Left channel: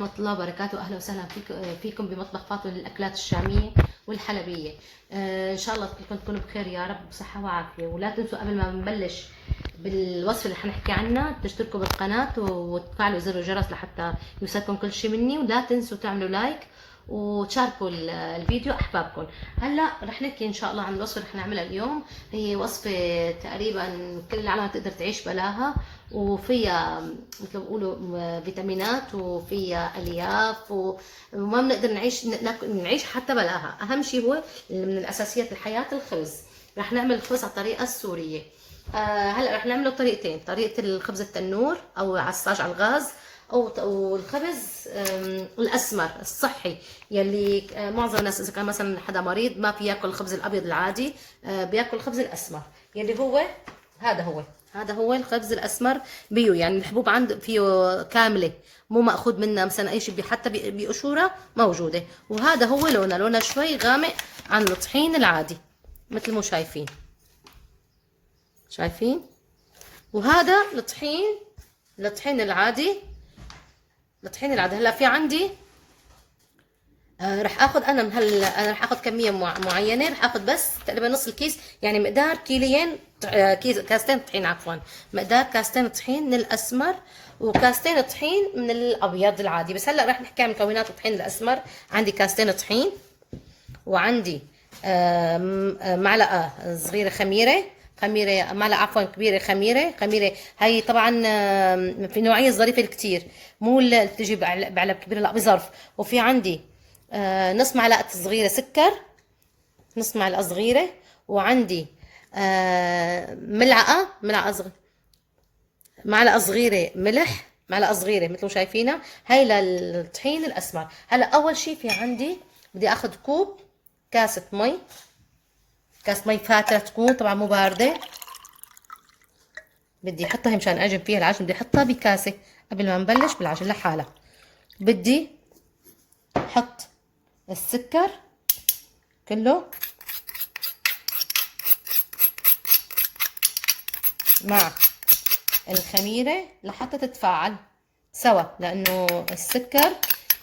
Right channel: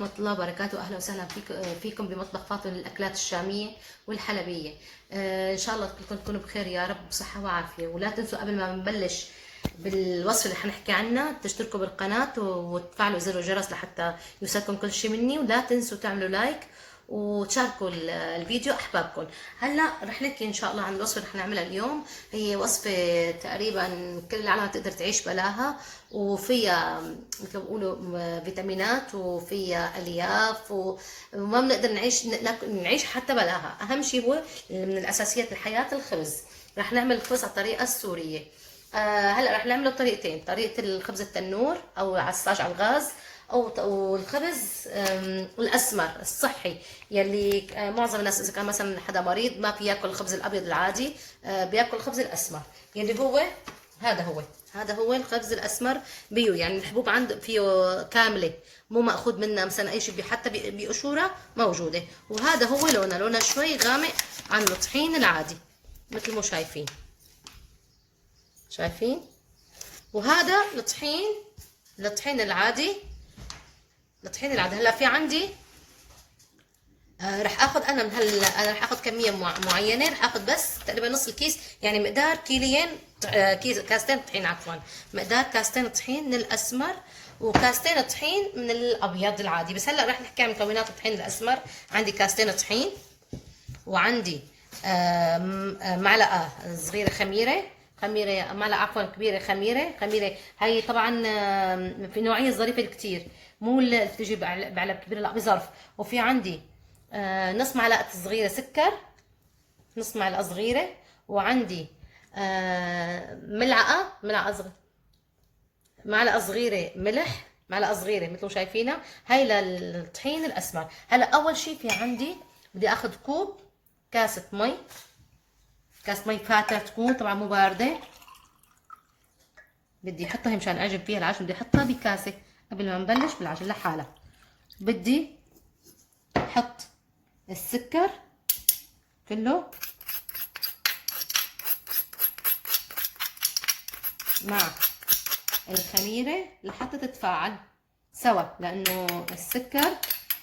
ورحمة الله وبركاته. أهلا وسهلا فيكم بمطبخ فاطمة للأكلات الشامية والحلبية. إن شاء الله كلكم تكونوا بخير يا رب، بصحة وعافية. ولا تنسوا قبل ما نبلش بالوصفة اللي حنحكي عنها تشتركوا بالقناة وتفعلوا زر الجرس لحتى يوصلكم كل شيء مني، ولا تنسوا تعملوا لايك وتشاركوا الفيديو احبابكم. هلا رح نحكي ان شاء الله عن الوصفه اللي حنعملها اليوم. هي وصفه تقريبا كل العالم تقدر تعيش بلاها، وفيها مثل ما بيقولوا فيتامينات وفيها الياف، وما بنقدر نعيش حتى بلاها. اهم شيء هو من الاساسيات الحياه الخبز. رح نعمل الخبز على الطريقه السوريه. هلا رح نعمله بطريقتين، طريقه الخبز التنور او عصاج على الغاز، او الخبز الاسمر الصحي يلي معظم الناس اذا كان مثلا حدا مريض ما بياكل الخبز الابيض العادي، بياكل الخبز الاسمر يلي هو هذا هو الخبز الاسمر بيو. يعني الحبوب عند فيه كامله، مو ماخذ منها مثلا اي شيء، حتى بقشوره موجوده. وهذا هو لونه شوي غامق عن الطحين العادي مثل ما شايفين. وهذا الطحين العادي. هلا في عندي رح اخذ انا انا رح اخذ كميه معينه، رح اخذ بس تقريبا نص الكيس، يعني مقدار كيلين كاستين طحين، عفوا مقدار كاستين طحين من الاسمر وكاستين طحين من الابيض العادي. بس هلا رح نحكي عن مكونات الطحين الاسمر. عندي كاستين طحين، وعندي معلقه صغيره خميره، معلقه عفوا كبيره خميره. هي طبعا في نوعيه ظريفه كتير، مو اللي بتجي بعلب كبير، لا بظرف. وفي عندي نص معلقه صغيره سكر، نص معلقه صغيره. وعندي معلقه صغيره ملح، معلقه صغيره مثل ما شايفينها. هاي للطحين الاسمر. هلا اول شيء في عندي بدي اخذ كاسه مي فاتره، تكون طبعا مو بارده. بدي احطها هي مشان اعجن فيها العجن، بدي احطها بكاسه قبل ما نبلش بالعجن لحالها. بدي احط السكر كله مع الخميره لحتى تتفاعل سوا، لانه السكر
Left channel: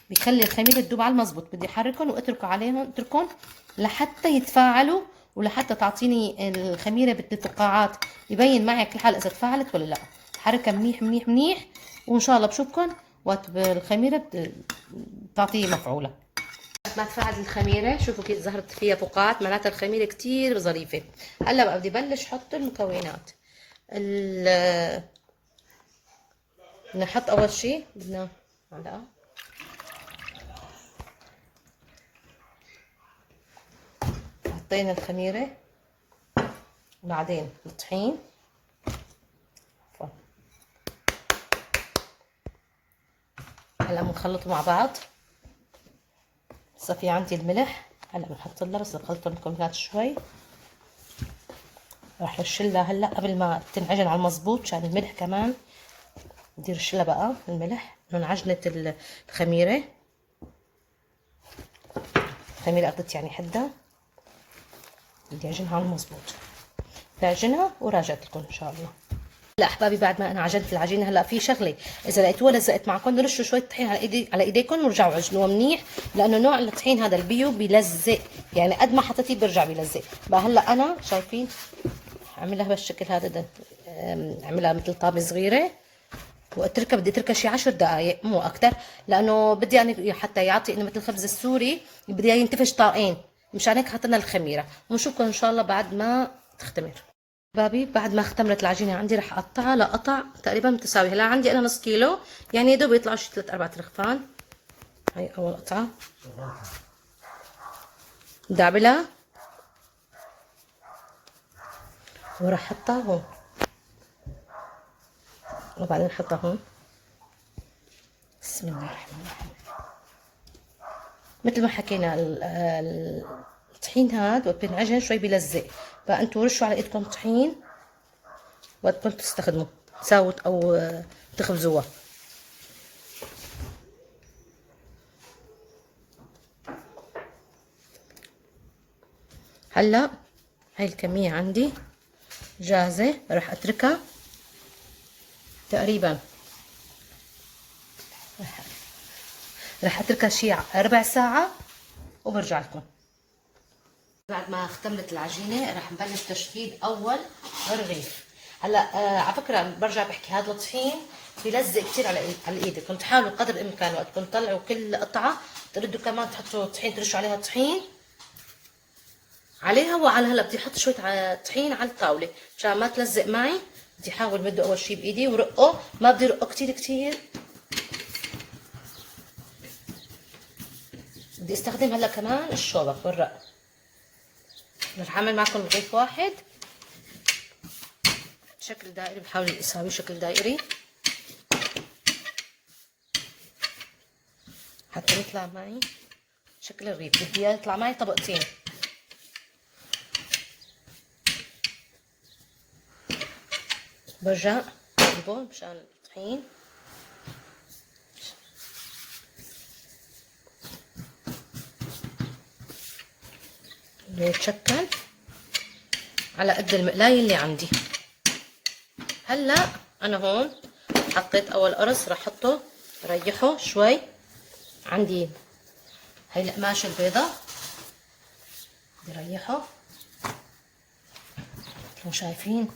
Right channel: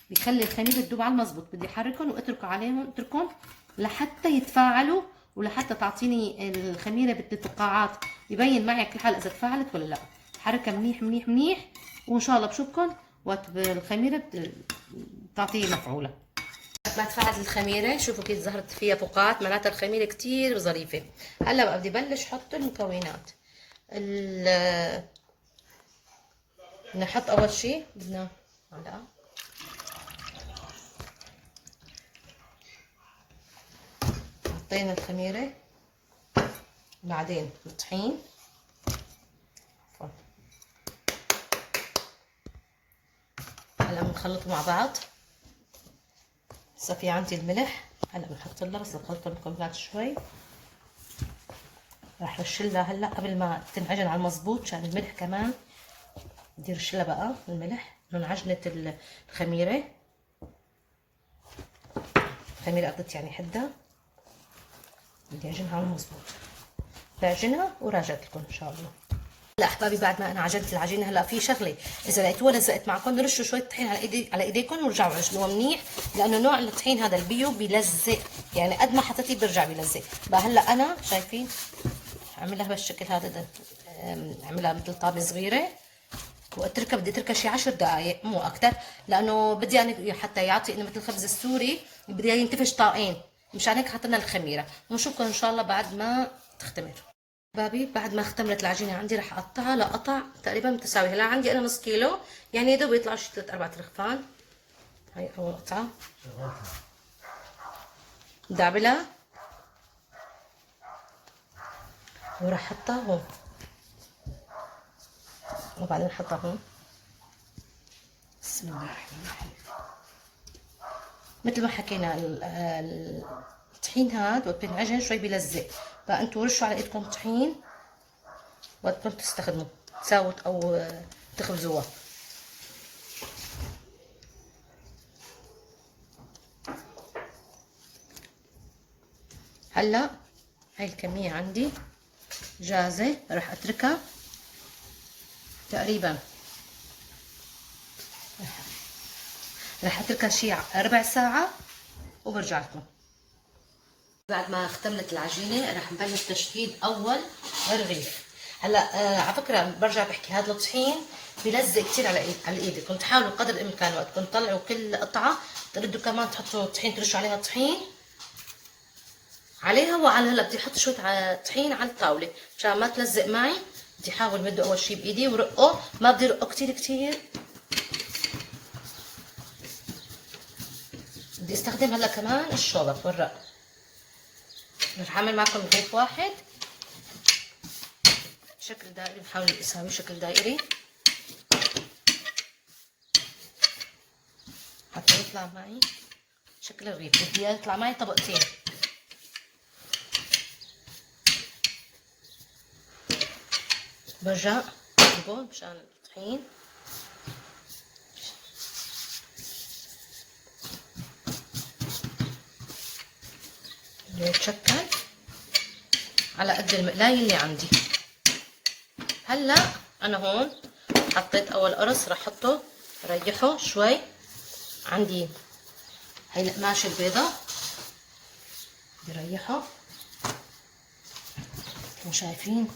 بيخلي الخميره تذوب على المظبوط. بدي احركهم اتركهم لحتى يتفاعلوا، ولحتى تعطيني الخميره بالفقاعات يبين معي كل حال اذا تفاعلت ولا لا. حركها منيح منيح منيح، وان شاء الله بشوفكم وقت بالخميره بتعطيه مفعوله. ما تفاعلت الخميره، شوفوا كيف ظهرت فيها فقاعات، معناتها الخميره كتير ظريفه. هلا بقى بدي بلش احط المكونات. نحط اول شيء بدنا معلقه، حطينا الخميره، بعدين الطحين، هلا بنخلطه مع بعض. هسه في عندي الملح، هلا بنحط لها بس نخلط المكونات شوي. راح رشلها هلا قبل ما تنعجن على المظبوط، عشان الملح كمان بدي رشلها بقى الملح من عجنة الخميرة. الخميرة قضت يعني حدها، بدي اعجنها على المظبوط. بعجنها وراجعت لكم ان شاء الله. هلا احبابي بعد ما انا عجنت العجينه، هلا في شغله اذا لقيتوها لزقت معكم رشوا شويه طحين على ايديكم ورجعوا عجنوها منيح، لانه نوع الطحين هذا البيو بيلزق، يعني قد ما حطيتيه بيرجع بيلزق. بقى هلا انا شايفين اعملها بهالشكل هذا، اعملها مثل طابه صغيره واتركها. بدي اتركها شي 10 دقائق مو اكثر، لانه بدي يعني حتى يعطي انه مثل الخبز السوري بدي ينتفش طاقين. مشان هيك حطينا الخميره. ونشوفكم ان شاء الله بعد ما تختمر. بابي بعد ما اختمرت العجينه عندي رح اقطعها لقطع تقريبا متساوي. هلا عندي انا نص كيلو، يعني يا دوب يطلعوا شي 3-4 رغفان. هاي اول قطعه بدي اعملها وراح احطها هون، وبعدين احطها هون. بسم الله الرحمن الرحيم. مثل ما حكينا الطحين هاد وقت بينعجن شوي بيلزق، فانتوا رشوا على ايدكم طحين وقت كنتوا تستخدموا تساووا او تخبزوها. هلا هاي الكمية عندي جاهزة، راح اتركها تقريبا رح اتركها شي ربع ساعة وبرجع لكم. بعد ما اختمرت العجينة رح نبلش تشكيل أول رغيف. هلا على فكرة برجع بحكي هذا الطحين بيلزق كثير على الايد، كنت تحاولوا قدر الامكان وقت كنت تطلعوا كل قطعة تردوا كمان تحطوا طحين، ترشوا عليها طحين عليها. وعلى هلا بدي احط شوية طحين على الطاولة مشان ما تلزق معي. بدي احاول مده اول شي بايدي ورقه، ما بدي رقه كثير كثير. بدي استخدم هلا كمان الشوبك والرق. رح اعمل معكم رغيف واحد شكل دائري، بحاول اساويه شكل دائري حتى يطلع معي شكل الرغيف. بدي يطلع معي طبقتين. برجع بجيبه مشان الطحين. يتشكل على قد المقلاية اللي عندي. هلا انا هون حطيت اول قرص، رح احطه ريحه شوي. عندي هي القماشه البيضة بدي ريحه كيف شايفين.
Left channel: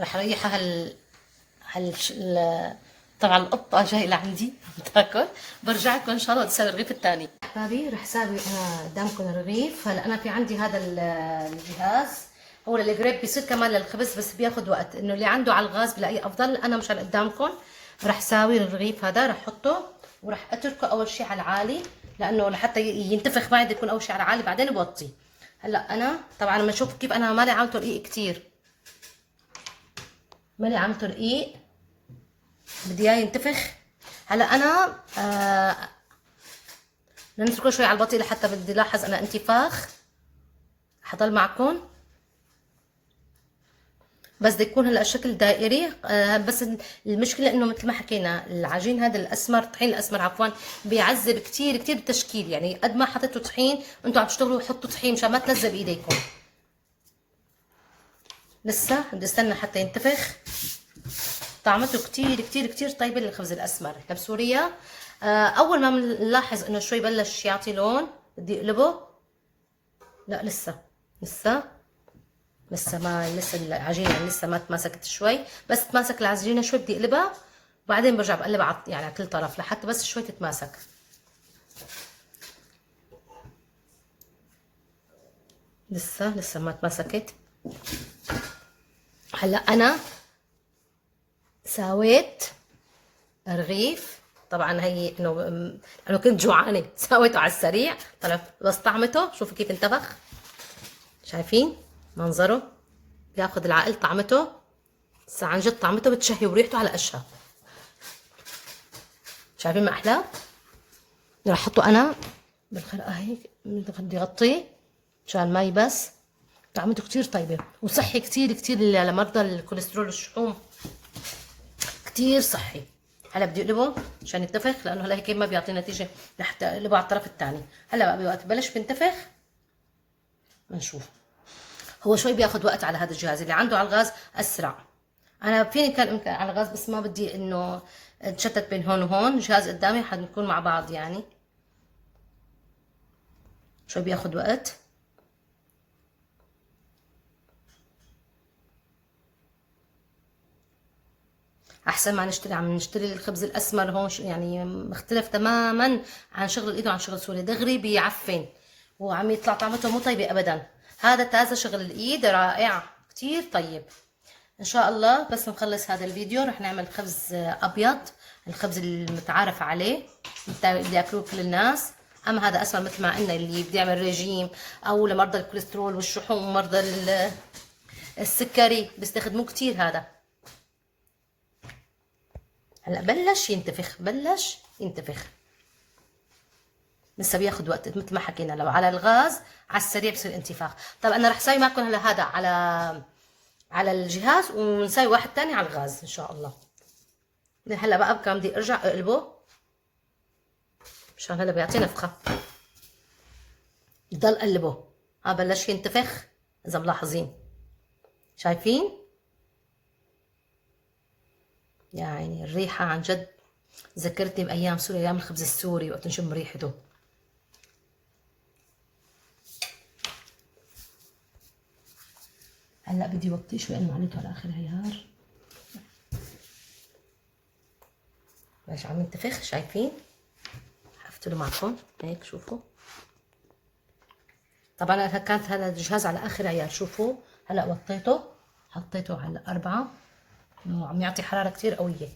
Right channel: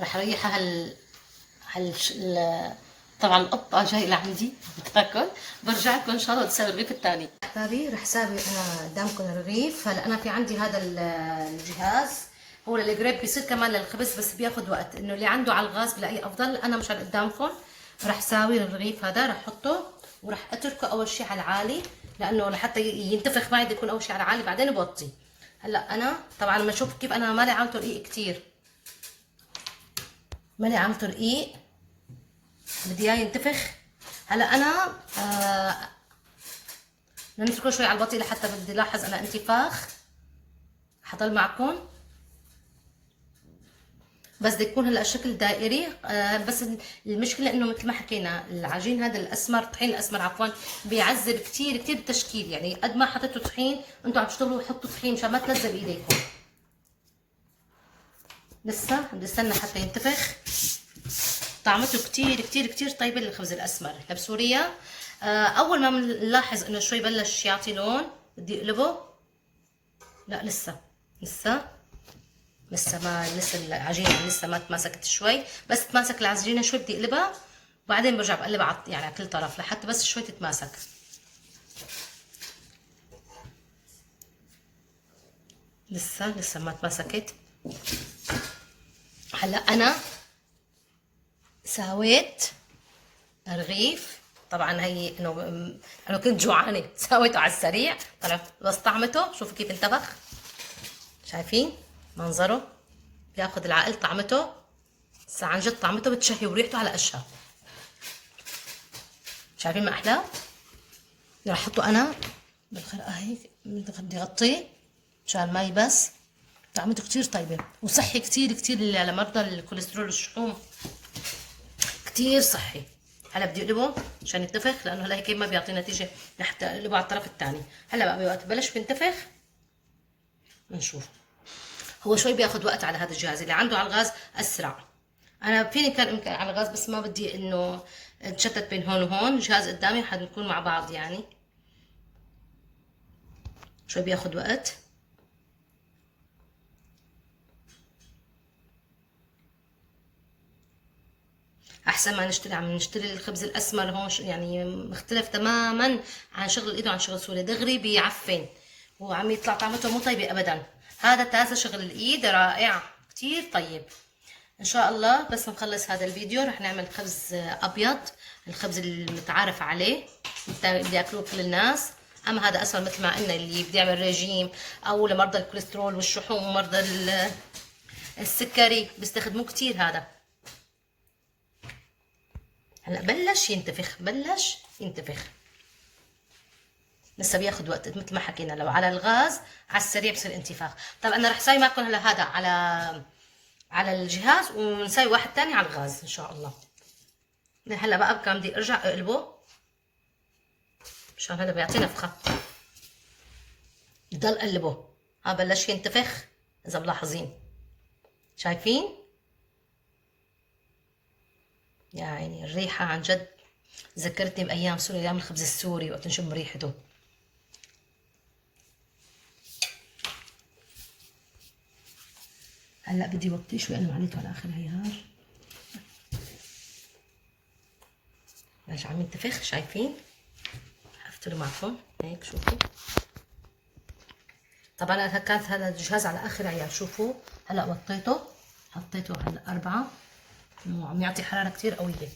رح ريحها طبعا القطة جاي لعندي بتاكل. برجع لكم ان شاء الله تسوي الرغيف الثاني. احبابي رح ساوي قدامكم الرغيف. هلا انا في عندي هذا الجهاز، هو القريب بيصير كمان للخبز بس بياخذ وقت، انه اللي عنده على الغاز بلاقيه افضل. انا مشان قدامكم رح ساوي الرغيف هذا، رح احطه ورح اتركه اول شيء على العالي لانه لحتى ينتفخ معي بده يكون اول شيء على العالي بعدين بوطي. هلا انا طبعا لما اشوف كيف انا مالي عاملته رقيق كثير، مالي عاملته رقيق بدي اياه ينتفخ. هلا انا بدنا نتركه شوي على البطيء لحتى بدي لاحظ انا انتفاخ. حضل معكم بس بده يكون هلا الشكل دائري. بس المشكله انه مثل ما حكينا العجين هذا الاسمر، الطحين الاسمر عفوا، بيعذب كثير كثير بالتشكيل. يعني قد ما حطيتوا طحين انتم عم تشتغلوا حطوا طحين مشان ما تلزق بايديكم. لسه بدي استنى حتى ينتفخ. طعمته كتير كتير كتير طيبة للخبز الأسمر. احنا بسوريا أول ما بنلاحظ إنه شوي بلش يعطي لون بدي أقلبه. لا لسه لسه العجينة لسه ما تماسكت شوي، بس تماسك العجينة شوي بدي أقلبها وبعدين برجع بقلبها يعني على كل طرف لحتى بس شوي تتماسك. لسه ما تماسكت. هلا أنا ساويت رغيف، طبعا هي انه انا كنت جوعانه سويته على السريع طلع، بس طعمته شوفوا كيف انتفخ. شايفين منظره بياخذ العقل طعمته. عن جد طعمته بتشهي وريحته على اشهى. شايفين ما احلاه. رح احطه انا بالخرقه هيك بدي اغطيه مشان ما يبس. طعمته كتير طيبه وصحي كتير كتير لمرضى الكوليسترول والشحوم، كتير صحي. هلا بدي اقلبه عشان ينتفخ لانه هلا هيك ما بيعطي نتيجه، رح اقلبه على الطرف الثاني. هلا بقى بوقت ببلش بينتفخ بنشوف. هو شوي بياخذ وقت على هذا الجهاز، اللي عنده على الغاز اسرع. انا فيني كان امكن على الغاز بس ما بدي انه نتشتت بين هون وهون. الجهاز قدامي حنكون مع بعض يعني شوي بياخذ وقت. احسن ما نشتري الخبز الاسمر هون يعني مختلف تماما عن شغل الايد وعن شغل سوري. دغري بيعفن وعم يطلع طعمته مو طيبه ابدا. هذا تازه شغل الايد رائع كتير طيب. ان شاء الله بس نخلص هذا الفيديو رح نعمل خبز ابيض، الخبز المتعارف عليه اللي ياكلوه كل الناس. اما هذا اسمر مثل ما قلنا اللي بده يعمل ريجيم او لمرضى الكوليسترول والشحوم ومرضى السكري بيستخدموه كتير. هذا هلا بلش ينتفخ لسه بياخذ وقت مثل ما حكينا. لو على الغاز على السريع بصير انتفاخ. طب انا رح اسوي معكم هلا هذا على الجهاز ونسوي واحد ثاني على الغاز ان شاء الله. هلا بقى كان بدي ارجع اقلبه مشان هلا بيعطي نفخه. بضل اقلبه. بلش ينتفخ اذا ملاحظين. شايفين يعني الريحة عن جد ذكرتني بأيام سوريا، أيام الخبز السوري وقت نشم ريحته. هلا بدي وطي شوي أنا عليته على آخر عيار. بلش عم ينتفخ، شايفين؟ حفتله معكم هيك شوفوا. طبعا كانت هلا الجهاز على آخر عيار، شوفوا هلا وطيته، حطيته على 4 وعم يعطي حرارة كتير قوية.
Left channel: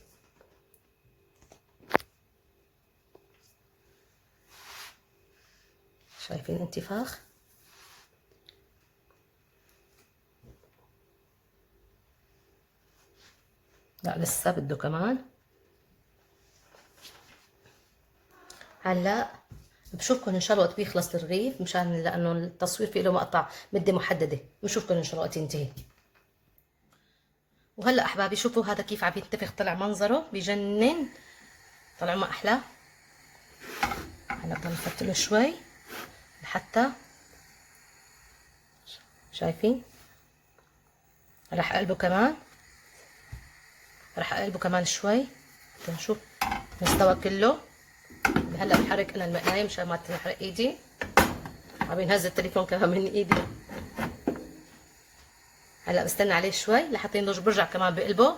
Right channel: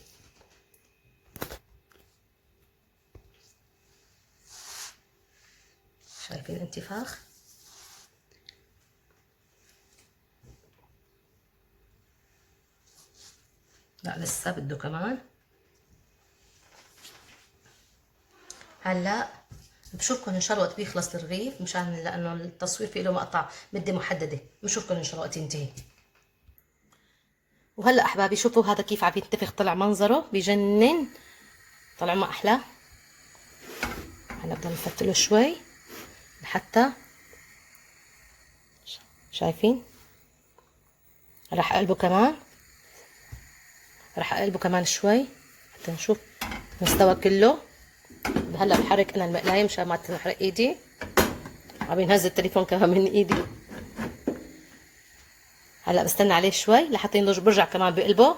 شايفين الانتفاخ؟ لا لسه بده كمان. هلا بشوفكم ان شاء الله وقت بيخلص الرغيف، مشان لانه التصوير فيه له مقطع مده محدده. بشوفكم ان شاء الله وقت ينتهي. وهلا احبابي شوفوا هذا كيف عم ينتفخ، طلع منظره بجنن، طلع ما احلى. هلا بدنا نفتله شوي لحتى شايفين. راح اقلبه كمان، راح اقلبه كمان شوي حتى نشوف مستوى كله. هلا بحرك انا المقلايه مشان ما تنحرق ايدي، عم ينهز التليفون كمان من ايدي. هلا بستنى عليه شوي لحتى ينضج، برجع كمان بقلبه.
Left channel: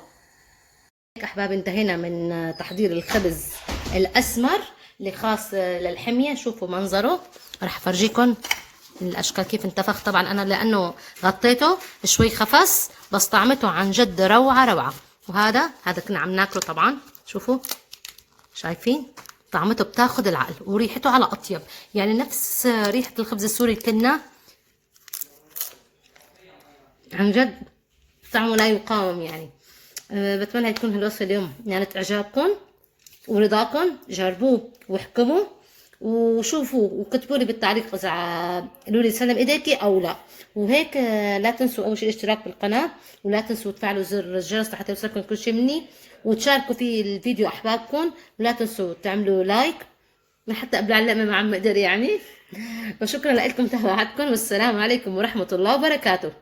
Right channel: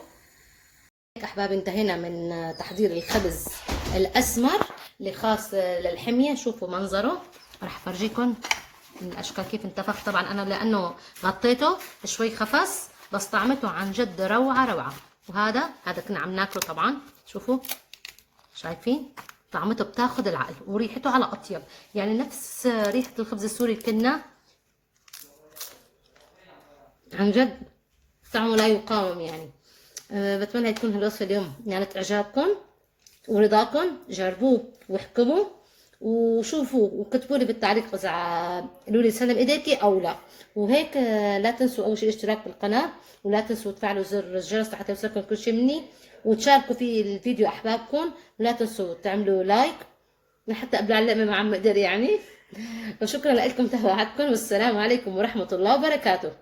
هيك احبابي انتهينا من تحضير الخبز الاسمر اللي خاص للحميه. شوفوا منظره، راح افرجيكم الاشكال كيف انتفخ. طبعا انا لانه غطيته شوي خفص، بس طعمته عن جد روعه روعه. وهذا كنا عم ناكله طبعا. شوفوا شايفين طعمته بتاخد العقل، وريحته على اطيب، يعني نفس ريحه الخبز السوري كنا. عن جد طعمه لا يقاوم يعني. بتمنى تكون هالوصفه اليوم نالت اعجابكم ورضاكم. جربوه واحكموا وشوفوا وكتبوا لي بالتعليق اذا قالوا لي سلم ايديكي او لا. وهيك لا تنسوا اول شيء الاشتراك بالقناه، ولا تنسوا تفعلوا زر الجرس لحتى يوصلكم كل شيء مني، وتشاركوا في الفيديو احبابكم، ولا تنسوا تعملوا لايك لحتى ابلع اللقمه مع عم اقدر يعني. وشكرا لكم تابعتكم، والسلام عليكم ورحمه الله وبركاته.